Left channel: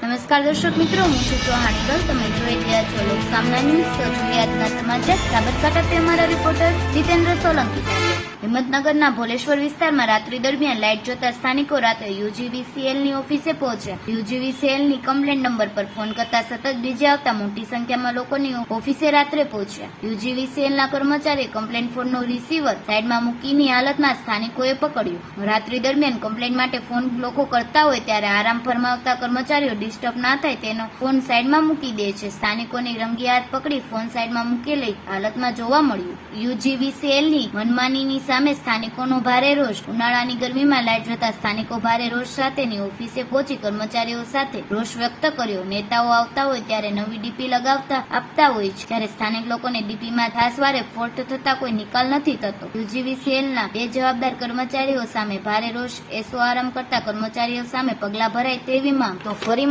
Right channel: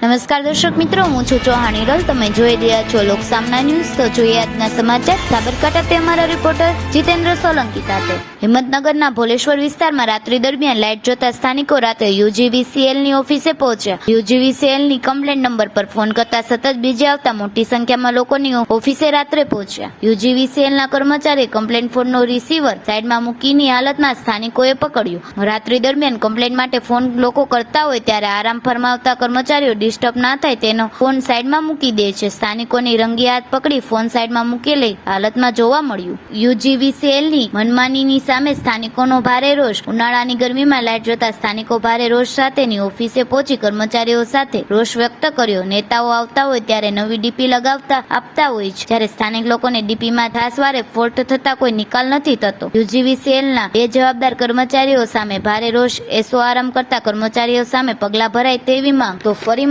નમસ્કાર દર્શક મિત્રો, હું છું ચૌહાણ હિરલ તમે જોઈ રહ્યા છો લોક સામના ન્યૂઝ. તો જોઈએ આજના સમાચાર. સાબરકાંઠાથી અમારા રિપોર્ટર જીતેન્દ્ર સોલંકી સાથે. હિંમતનગરના ભોલેશ્વર વિસ્તારમાં રાત્રિ દરમિયાન લાઇટ જોતા સ્થાનિકો રાત્રે યુજીવીસીએલની ઓફિસે પહોંચ્યા. યુજીવીસીએલની કમ્પ્લેન નંબર પર ફોન કરતા સતત બીજે આવતા મોટી સંખ્યામાં લોકોની ઓફિસે રાત્રે પહોંચ્યા. યુજીવીસીએલના કર્મચારીએ કમ્પ્લેન ફોનનો રિસીવર સાઈડમાં મૂકીની હાલતમાં સ્થાનિકોએ પકડ્યું. રાત્રિ દરમિયાન કમ્પ્લેન માટે ફોન લોકો કરતા હોય ત્યારે આરામ ફરમાવતા કર્મચારીઓ ડિસ્ટર્બ ના થાય તેનો ફોન સાઈડમાં મૂકી દે છે. સ્થાનિકોની રંગી હાથ પકડી ફોન સાઈડમાં મૂકેલી હાલતમાં જોવા મળ્યું. યુજીવીસીએલની મનમાનીની સામે સ્થાનિકોનો ભારે રોષ. ઉનાળાની ગરમીમાં લાઇટ જોતા સ્થાનિકો ભારે રોષ સાથેની ઓફિસે પહોંચી કર્મચારીઓ સાથે રોષ વ્યક્ત કર્યો. નેતાઓ આવતા હોય ત્યારે નવી ડીપી લગાવતા આપતા હોય છે. જ્યારે સ્થાનિક લોકોને ડીપીમાં ધાસવારે ફોલ્ટ થતા કોઈ નિકાલ નથી થતો. યુજીવીસીએલના બે જવાબદાર કર્મચારીઓ સામે ભારે રોષ. એસો આરામ કરતા કર્મચારીઓ સામે પગલા ભરાય તેવી માંગ. તો ફરી